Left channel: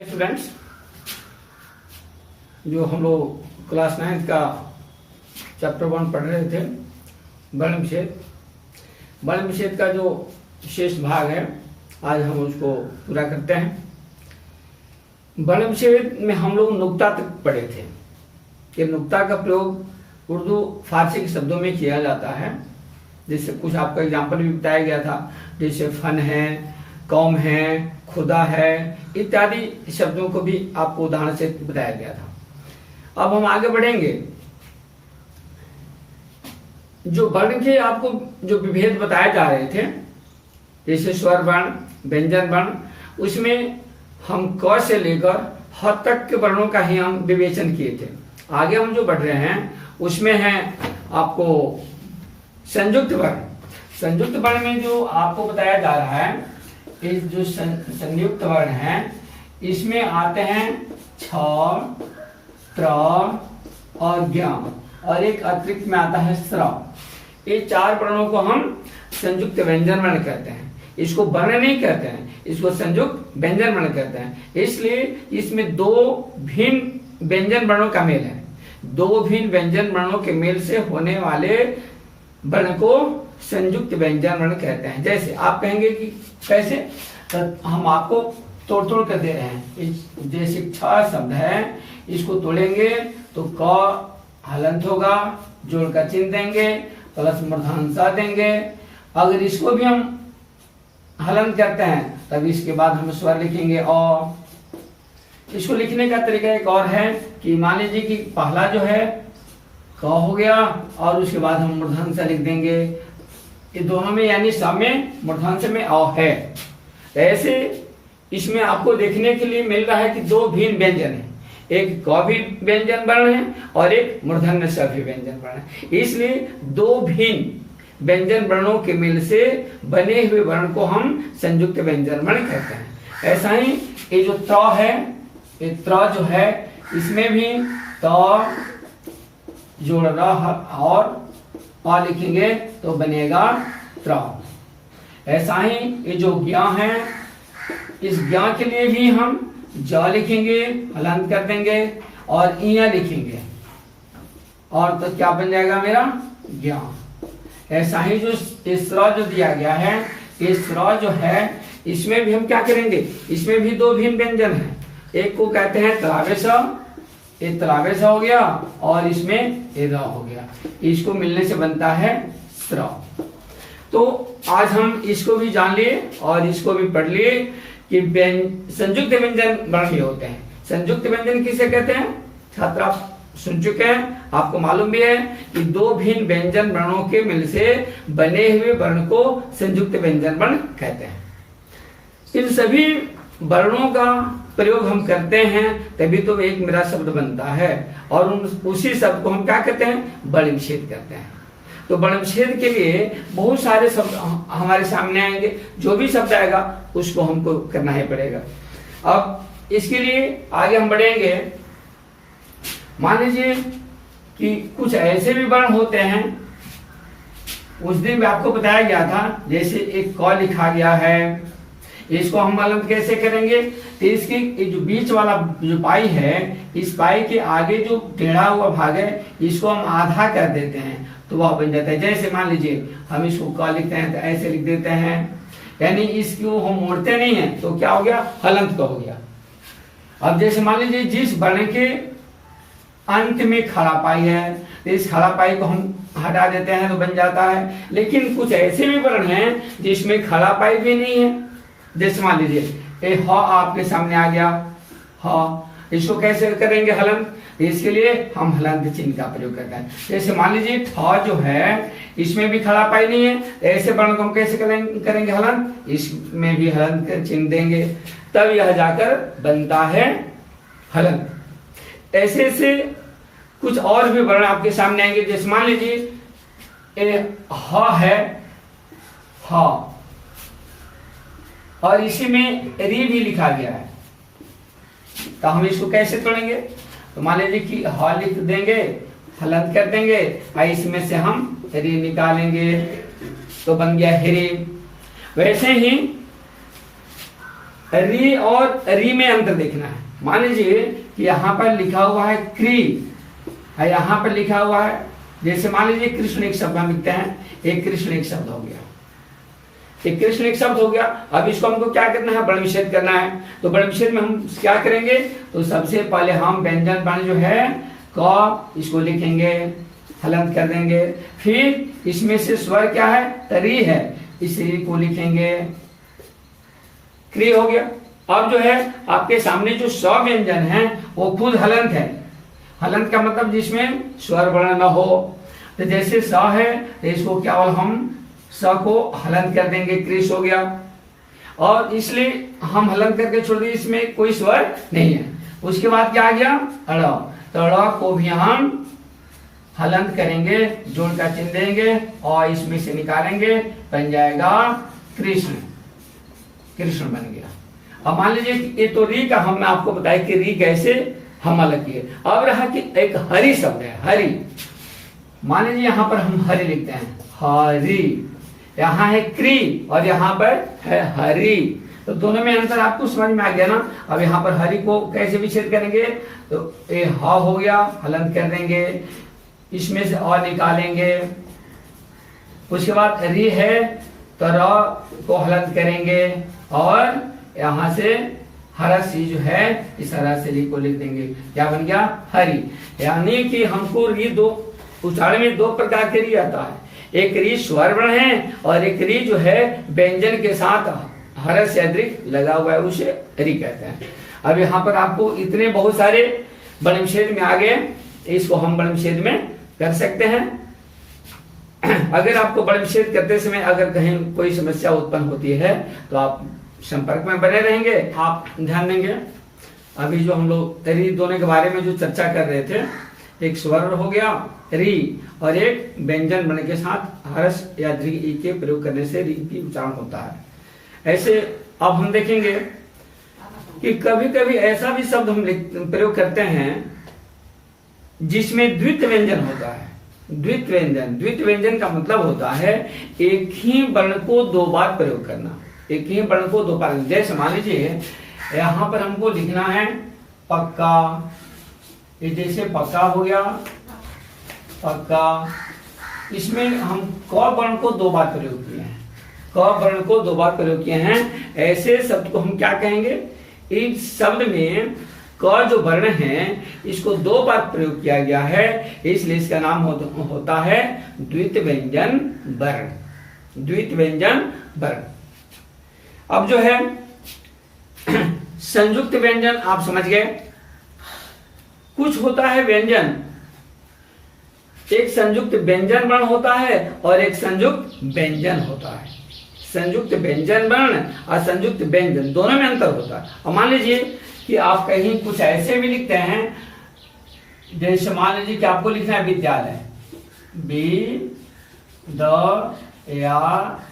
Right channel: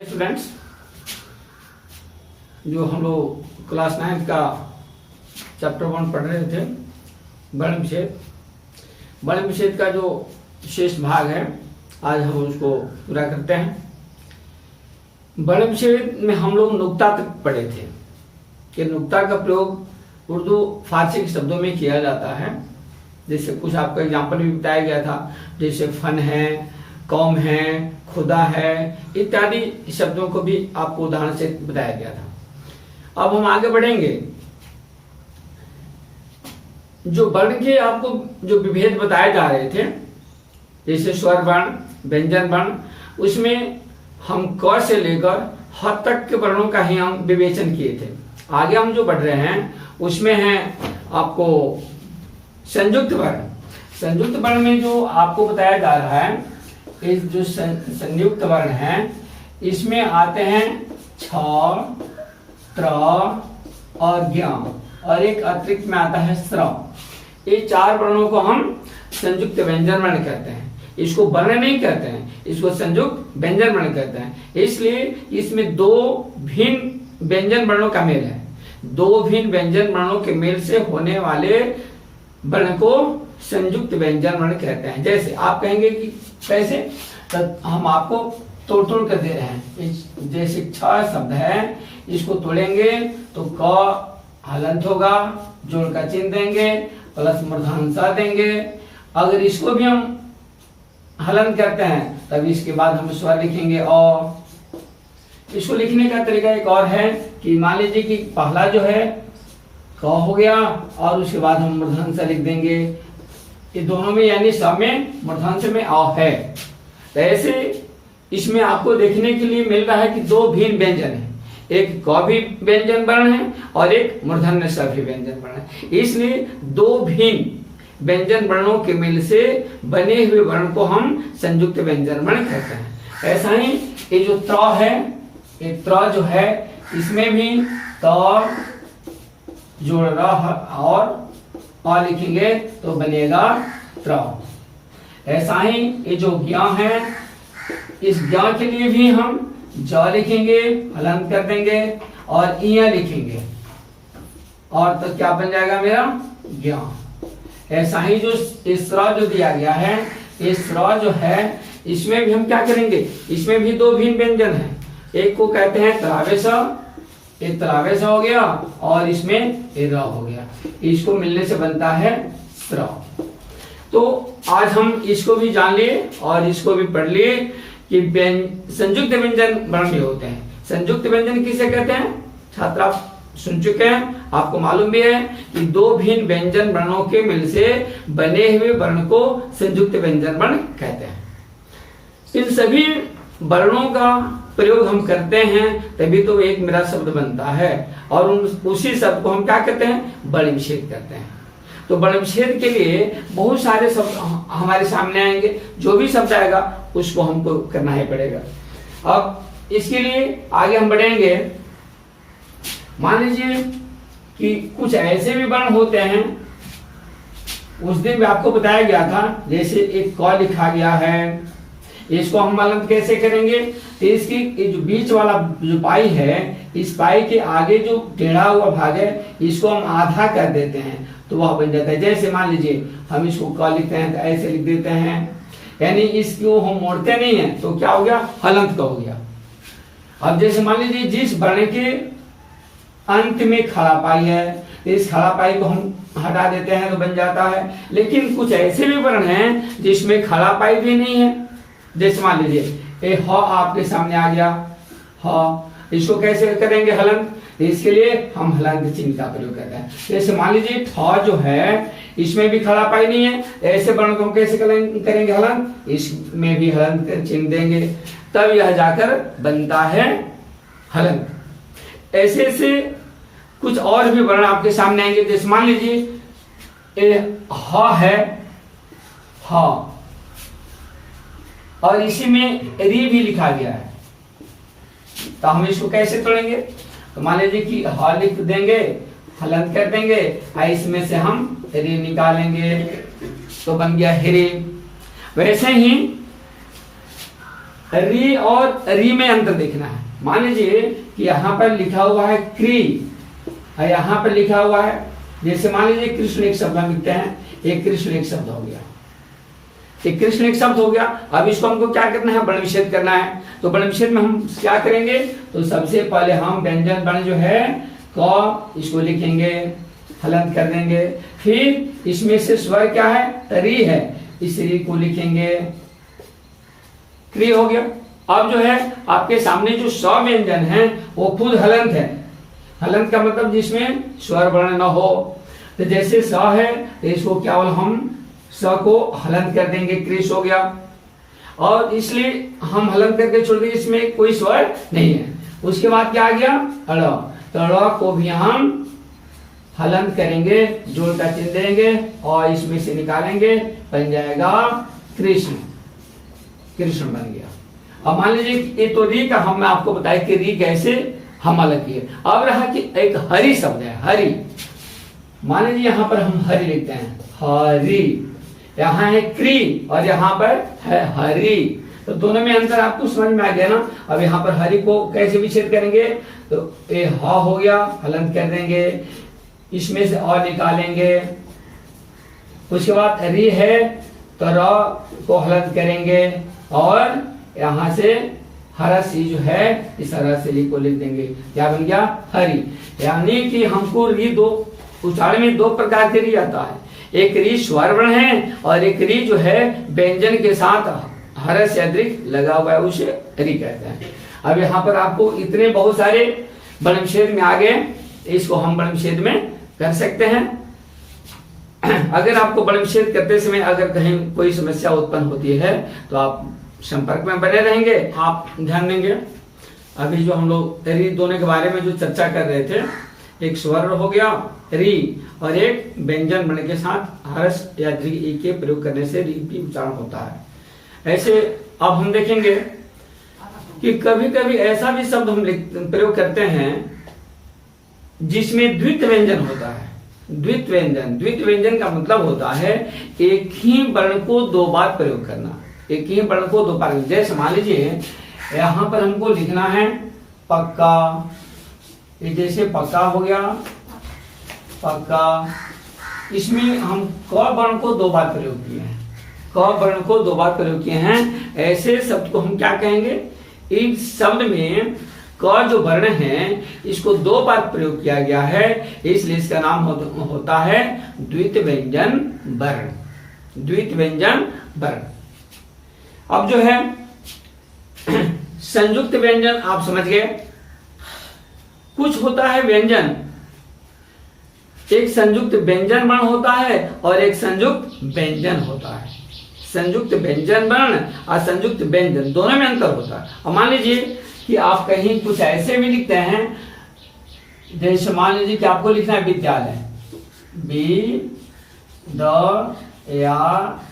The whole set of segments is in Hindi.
स्टूडेंट्स, जो हम लोग क्लास 9 का चैप्टर 1 पढ़ रहे थे, वर्ण विच्छेद का जो शेष भाग है, आज हम उसको पूरा करते हैं। वर्ण विच्छेद में हम लोग नुक्ता तक पढ़े थे कि नुक्ता का प्रयोग उर्दू फारसी के शब्दों में किया जाता है। जैसे कुछ आपका एग्जाम्पल भी बताया गया था, जैसे फन है, कौम है, खुदा है, इत्यादि शब्दों को भी आपको उदाहरण से बताया गया था। अब हम आगे बढ़ेंगे। जो वर्ण के आपको जो विभेद बताए जा रहे थे, जैसे स्वर वर्ण, व्यंजन वर्ण, उसमें हम क से लेकर ह तक के वर्णों का ही हम विवेचन किए थे। आगे हम जो बढ़ रहे हैं उसमें है आपको संयुक्त वर्ण। संयुक्त वर्ण में जो आपको बताया जा रहा है, इस जो संयुक्त वर्ण है, इसमें आते हैं छ, त्र और ज्ञ, और एक अतिरिक्त में आता है स्र। ये चार वर्णों को हम संयुक्त व्यंजन वर्ण कहते हैं। इसको वर्ण नहीं कहते हैं, इसको संयुक्त व्यंजन वर्ण कहते हैं। इसलिए इसमें दो भिन्न व्यंजन वर्णों का मेल है। दो भिन्न व्यंजन वर्णों के मेल से होने वाले वर्ण को संयुक्त व्यंजन वर्ण कहते हैं। जैसे आप कहेंगे कि कैसे, तो हम आपको तोड़ तोड़ कर दे रहे हैं। जैसे छ शब्द है, इसको तोड़ेंगे तो क हलंत होगा, जोड़ का चिन्ह देंगे, प्लस मूर्धन्य देंगे। अगर इसको भी हम हलन करते हैं तब इसके बाद हम स्वर लिखेंगे। और इसको लिखने का तरीका एक और है कि मान लीजिए कि पहला जो है क हो गया और उसके बाद हम मूर्धन्य लिख देंगे। ये दोनों में यानी सब में मूर्धन्य में अ है। तो ऐसे इसमें आपको देखने के लिए मिल रहा है कि दो भिन्न व्यंजन है, एक क भी व्यंजन वर्ण है और एक मूर्धन्य स भी व्यंजन वर्ण है। इसलिए दो भिन्न व्यंजन वर्णों के मेल से बने हुए वर्ण को हम संयुक्त व्यंजन वर्ण कहते हैं। ऐसा ही ये जो त्र है, ये त्र जो है, इसमें भी त जोड़ और अ लिखेंगे तो बनेगा त्र। ऐसा ही ये जो ज्ञ है, इस ज्ञ के लिए भी हम ज लिखेंगे, हलंत कर देंगे और इया लिखेंगे, और तो क्या बन जाएगा मेरा ज्ञ। ऐसा ही जो स्र जो दिया गया है, ये स्र जो है, इसमें भी हम क्या करेंगे, इसमें भी दो भिन्न व्यंजन है। एक को कहते हैं तलावेश, एक तलावेश हो गया और इसमें ए र हो गया। इसको मिलने से बनता है स्र। तो आज हम इसको भी जान लिए और इसको भी पढ़ लिए कि संयुक्त व्यंजन वर्ण भी होते हैं। संयुक्त व्यंजन किसे कहते हैं? छात्र आप सुन चुके हैं, आपको मालूम भी है कि दो भिन्न व्यंजन वर्णों के मिल से बने हुए वर्ण को संयुक्त व्यंजन वर्ण कहते हैं। इन सभी वर्णों का प्रयोग हम करते हैं तभी तो एक मेरा शब्द बनता है, और उसी शब्द को हम क्या कहते हैं? वर्ण विच्छेद कहते हैं। तो वर्ण विच्छेद के लिए बहुत सारे शब्द हमारे सामने आएंगे, जो भी शब्द आएगा उसको हमको करना ही पड़ेगा। अब इसके लिए आगे हम बढ़ेंगे। मान लीजिए कि कुछ ऐसे भी वर्ण होते हैं, उस दिन भी आपको बताया गया था, जैसे एक क लिखा गया है, इसको हम हलंत कैसे करेंगे? तो इसकी ये जो बीच वाला जो पाई है, इस पाई के आगे जो टेढ़ा हुआ भाग है, इसको हम आधा कर देते हैं तो वह बन जाता है। जैसे मान लीजिए हम इसको क लिखते हैं तो ऐसे लिख देते हैं, यानी इसको हम मोड़ते नहीं है तो क्या हो गया? हलंत का हो गया। अब जैसे मान लीजिए जिस वर्ण के अंत में खड़ा पाई है, तो इस खड़ा पाई को हम हटा देते हैं तो बन जाता है। लेकिन कुछ ऐसे भी वर्ण हैं जिसमें खड़ा पाई भी नहीं है। जैसे मान लीजिए ए ह आपके सामने आ गया, ह, इसको कैसे करेंगे हलंत? इसके लिए हम हलंत चिन्ह का प्रयोग करते हैं। जैसे मान लीजिए थ जो है, इसमें भी खड़ा पाई नहीं है, ऐसे वर्ण को हम कैसे करेंगे हलंत? इसमें भी हलंत का चिन्ह देंगे, तब यह जाकर बनता है हलंत। ऐसे ऐसे कुछ और भी वर्ण आपके सामने आएंगे। जैसे मान लीजिए ए ह है, ह, और इसी में री भी लिखा गया है, तो हम इसको कैसे तोड़ेंगे? तो मान लीजिए कि ह लिख देंगे, हलंत कर देंगे, और इसमें से हम री निकालेंगे तो बन गया हिरी। वैसे ही री और री में अंतर देखना है। मान लीजिए कि यहाँ पर लिखा हुआ है क्री और यहाँ पर लिखा हुआ है, जैसे मान लीजिए कृष्ण एक शब्द हम लिखते हैं, एक कृष्ण एक शब्द हो गया, एक कृष्ण एक शब्द हो गया। अब इसको हमको क्या करना है, वर्ण विच्छेद करना है। तो वर्ण विच्छेद में हम क्या करेंगे, तो सबसे पहले हम व्यंजन वर्ण जो है क, इसको लिखेंगे, हलंत कर देंगे। फिर इसमें से स्वर क्या है, री है, इस री को लिखेंगे, क्री हो गया। अब जो है आपके सामने जो स व्यंजन है वो खुद हलंत है। हलंत का मतलब जिसमें स्वर वर्ण न हो। तो जैसे स है तो इसको केवल हम स को हलंत कर देंगे, क्रिस हो गया। और इसलिए हम हलंत करके छोड़ देंगे, इसमें कोई स्वर नहीं है। उसके बाद क्या आ गया, अड़, तो अड़ को भी हम हलंत करेंगे, जोड़ का चिन्ह देंगे और इसमें से निकालेंगे, बन जाएगा कृष्ण, कृष्ण बन गया। अब मान लीजिए ये तो री का हम आपको बताया कि री कैसे हम अलग किए। अब रहा कि एक हरि शब्द है, हरि। मान लीजिए यहाँ पर हम हरि लिखते हैं, हरि, यहाँ है क्री और यहाँ पर है हरि, तो दोनों में अंतर आपको समझ में आ गया ना। अब यहाँ पर हरि को कैसे विच्छेद करेंगे, तो ये ह हो गया, हलंत कर देंगे, इसमें से और निकालेंगे। उसके बाद री है तो र को हलंत करेंगे और यहाँ से हरा सी जो है इस हरा से री को लिख देंगे, क्या बन गया, हरि। यानी कि हमको री दो उच्चारण में दो प्रकार के री आता है, एक री स्वर वर्ण है और एक री जो है व्यंजन के साथ हर से अधिक लगा हुआ है, उसे री कहते हैं। अब यहाँ पर आपको इतने बहुत सारे वर्ण विच्छेद में आ गए, इसको हम वर्ण विच्छेद में कर सकते हैं। अगर आपको वर्ण विच्छेद करते समय अगर कहीं कोई समस्या उत्पन्न होती है तो आप संपर्क में बने रहेंगे, आप ध्यान देंगे। अभी जो हम लोग री दोनों के बारे में जो चर्चा कर रहे थे, एक स्वर हो गया री और एक व्यंजन वर्ण के साथ हर्ष या दीर्घ ई के प्रयोग करने से री भी उच्चारण होता है। ऐसे अब हम देखेंगे कि कभी कभी ऐसा भी शब्द हम प्रयोग करते हैं जिसमें द्वित व्यंजन होता है। द्वित व्यंजन, द्वित व्यंजन का मतलब होता है एक ही वर्ण को दो बार प्रयोग करना, एक ही वर्ण को दो बार। जैसे मान लीजिए यहाँ पर हमको लिखना है पक्का, ये जैसे पक्का हो गया, पक्का, इसमें हम क वर्ण को दो बार प्रयोग किए हैं, क वर्ण को दो बार प्रयोग किए हैं। ऐसे शब्द को हम क्या कहेंगे, इस शब्द में क जो वर्ण है इसको दो बार प्रयोग किया गया है, इसलिए इसका नाम होता है द्वित व्यंजन वर्ण, द्वित व्यंजन वर्ण। अब जो है संयुक्त व्यंजन आप समझ गए। कुछ होता है व्यंजन, एक संयुक्त व्यंजन वर्ण होता है और एक संयुक्त व्यंजन होता है। संयुक्त व्यंजन वर्ण और संयुक्त व्यंजन दोनों में अंतर होता है। अब मान लीजिए कि आप कहीं कुछ ऐसे भी लिखते हैं, जैसे मान लीजिए कि आपको लिखना है विद्यालय, बी द या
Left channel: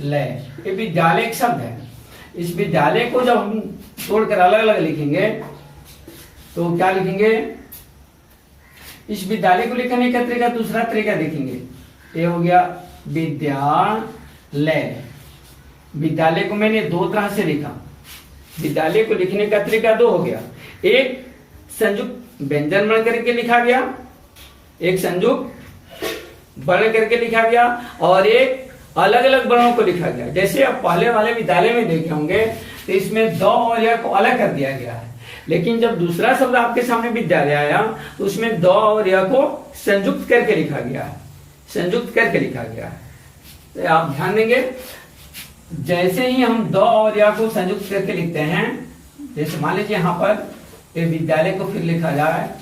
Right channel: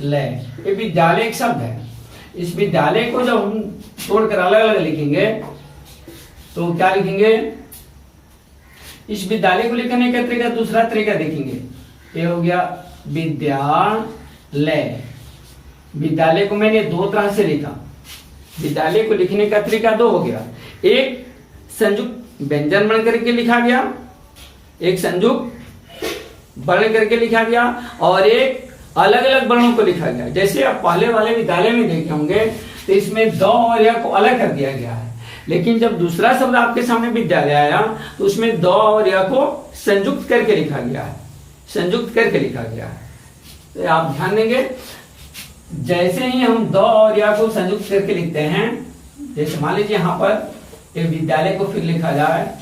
ले, ये विद्यालय एक शब्द है। इस विद्यालय को जब हम तोड़कर अलग अलग लिखेंगे तो क्या लिखेंगे, इस विद्यालय को लिखने का तरीका दूसरा तरीका देखेंगे। ये हो गया विद्यालय, विद्यालय को मैंने दो तरह से लिखा, विद्यालय को लिखने का तरीका दो हो गया, एक संयुक्त व्यंजन वर्ण करके लिखा गया, एक संयुक्त वर्ण करके लिखा गया और एक अलग अलग वर्णों को लिखा गया। जैसे आप पहले वाले विद्यालय में देखे होंगे तो इसमें द और या को अलग कर दिया गया है, लेकिन जब दूसरा शब्द आपके सामने विद्यालय आया तो उसमें द और या को संयुक्त करके लिखा गया है, संयुक्त करके लिखा गया है। तो आप ध्यान देंगे, जैसे ही हम द और या को संयुक्त करके लिखते हैं, जैसे मान लीजिए यहाँ पर एक विद्यालय को फिर लिखा जाए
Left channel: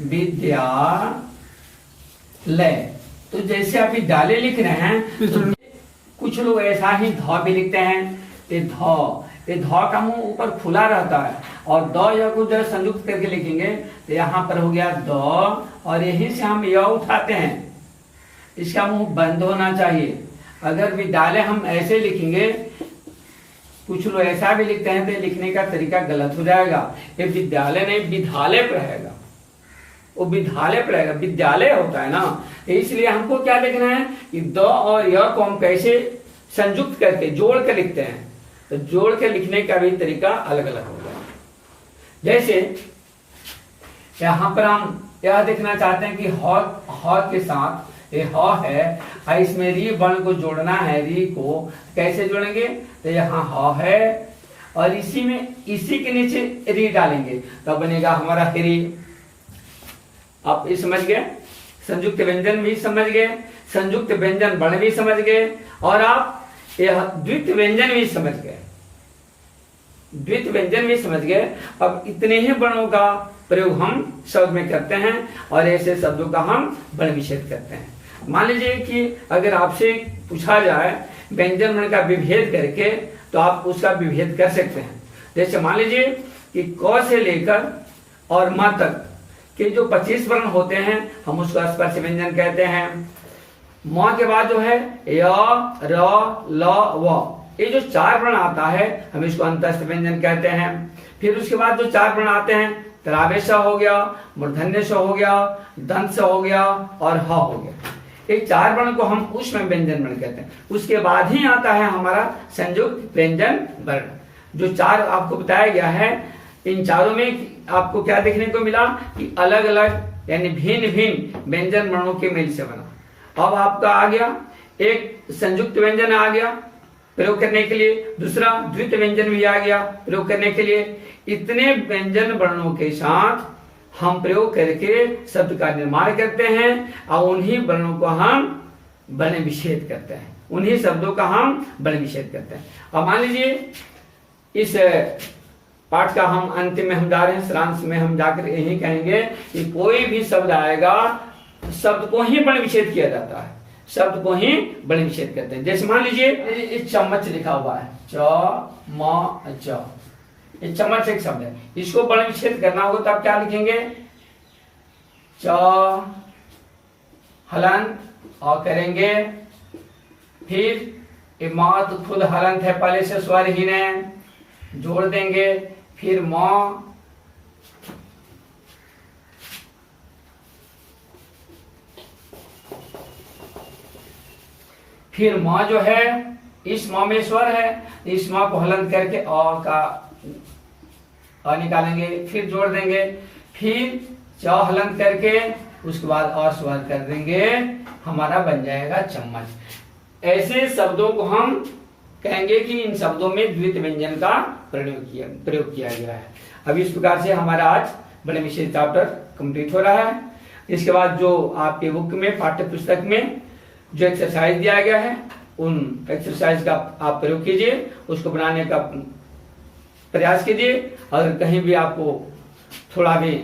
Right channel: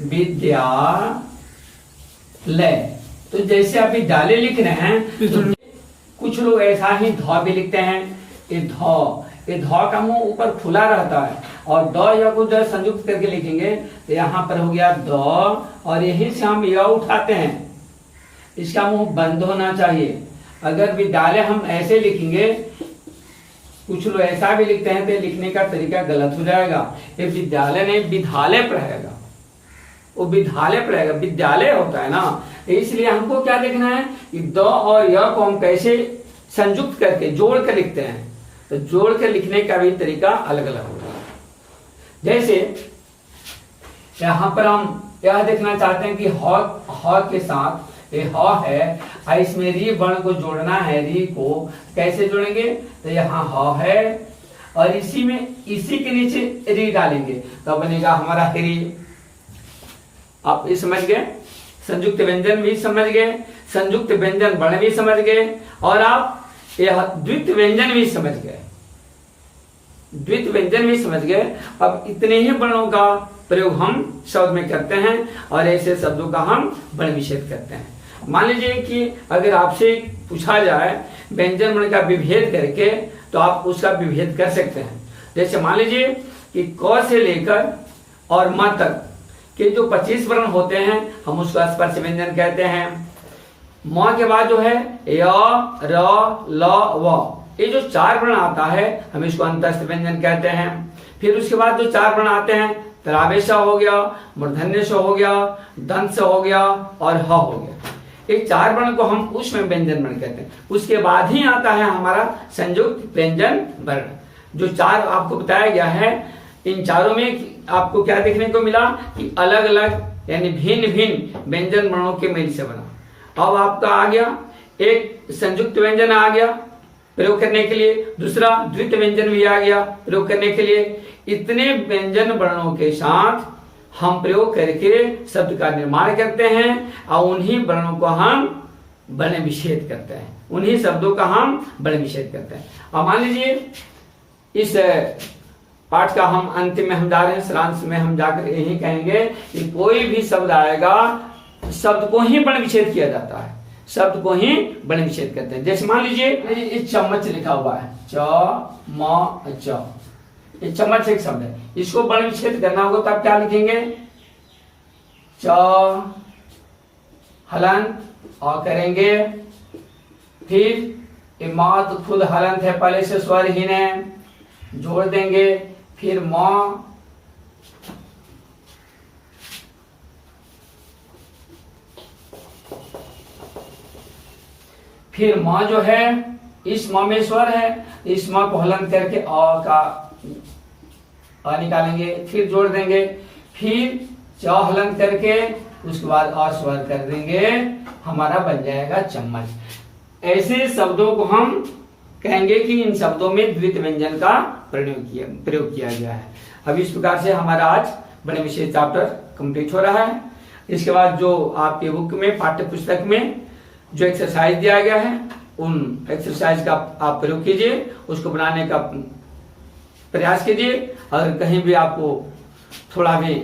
विद्यालय, तो जैसे आप विद्यालय लिख रहे हैं तो कुछ लोग ऐसा ही ध भी लिखते हैं, ये ध का मुंह ऊपर खुला रहता है और द या को जब संयुक्त करके लिखेंगे तो यहाँ पर हो गया द और यहीं से हम य उठाते हैं, इसका मुंह बंद होना चाहिए। अगर विद्यालय हम ऐसे लिखेंगे, कुछ लोग ऐसा भी लिखते हैं तो लिखने का तरीका गलत हो जाएगा, ये विद्यालय नहीं विद्यालय पढ़ेगा, वो विद्यालय पढ़ेगा, विद्यालय होता है ना। इसलिए हमको क्या देखना है कि द और य को हम कैसे संयुक्त करके जोड़ कर लिखते हैं। तो जोड़ के लिखने का भी तरीका अलग अलग होगा। जैसे यहां पर हम यह देखना चाहते हैं कि ह के साथ ये ह है, इसमें री वर्ण को जोड़ना है। री को कैसे जोड़ेंगे, तो यहाँ ह है और इसी के नीचे री डालेंगे तो बनेगा हमारा हरी। आप ये समझ गए, संयुक्त व्यंजन भी समझ गए, संयुक्त व्यंजन वर्ण भी समझ गए और आप यह द्वित व्यंजन भी समझ गए, द्वित व्यंजन भी समझ गए। अब इतने ही वर्णों का प्रयोग हम शब्द में करते हैं और ऐसे शब्दों का हम वर्ण विच्छेद करते हैं। मान लीजिए कि अगर आपसे पूछा जाए व्यंजन वर्ण का विभेद करके, तो आप उसका विभेद कर सकते हैं। जैसे मान लीजिए कि क से लेकर और म तक के जो 25 वर्ण होते हैं हम उसको स्पर्श व्यंजन कहते हैं। म के बाद जो है य, र, ल, व, ये जो 4 वर्ण आता है हम इसको अंतस्थ व्यंजन कहते हैं। फिर उसके बाद जो 4 वर्ण आते हैं, तरावेश हो गया, मूर्धन्य स हो गया, दंत स हो गया और ह हो गया। एक 4 वर्ण को हम ऊष्म व्यंजन वर्ण कहते हैं। उसके बाद ही आता है हमारा संयुक्त व्यंजन वर्ण। जो 4 आपको बताया गया है, इन चारों में आपको क्या देखने को मिला कि अलग अलग यानी भिन्न भिन्न व्यंजन वर्णों के मेल से बना। अब आपका आ गया एक संयुक्त व्यंजन आ गया प्रयोग करने के लिए, दूसरा द्वित व्यंजन भी आ गया प्रयोग करने के लिए। इतने व्यंजन वर्णों के साथ हम प्रयोग करके शब्द का निर्माण करते हैं और उन्हीं वर्णों को हम वर्ण विच्छेद करते हैं, उन्हीं शब्दों का हम वर्ण विच्छेद करते हैं। अब मान लीजिए इस पाठ का हम अंतिम में हम जा रहे हैं, सारांश में हम जाकर यही कहेंगे कि कोई भी शब्द आएगा, शब्द को ही वर्ण विच्छेद किया जाता है, शब्द को ही वर्ण विच्छेद करते हैं। जैसे मान लीजिए चम्मच लिखा हुआ है, च म च, ये चम्मच एक शब्द है, इसको वर्ण विच्छेद करना होगा तब क्या लिखेंगे, च हलंत और करेंगे, फिर मात खुद हलंत है, पहले से स्वरहीन है, जोड़ देंगे, फिर म, फिर म जो है इस म में स्वर है, इस म को हलन करके अ का अ निकालेंगे, फिर जोड़ देंगे, फिर च हलन करके उसके बाद अ स्वर कर देंगे, हमारा बन जाएगा चम्मच। ऐसे शब्दों को हम कहेंगे कि इन शब्दों में द्वित व्यंजन का प्रयोग किया गया है। अब इस प्रकार से हमारा आज वर्ण विच्छेद चैप्टर कंप्लीट हो रहा है। इसके बाद जो आपके बुक में पाठ्य पुस्तक में जो एक्सरसाइज दिया गया है, उन एक्सरसाइज का आप प्रयोग कीजिए, उसको बनाने का प्रयास कीजिए। अगर कहीं भी आपको थोड़ा भी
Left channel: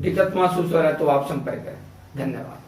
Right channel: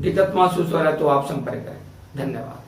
दिक्कत महसूस हो रहा है तो आप संपर्क करें। धन्यवाद।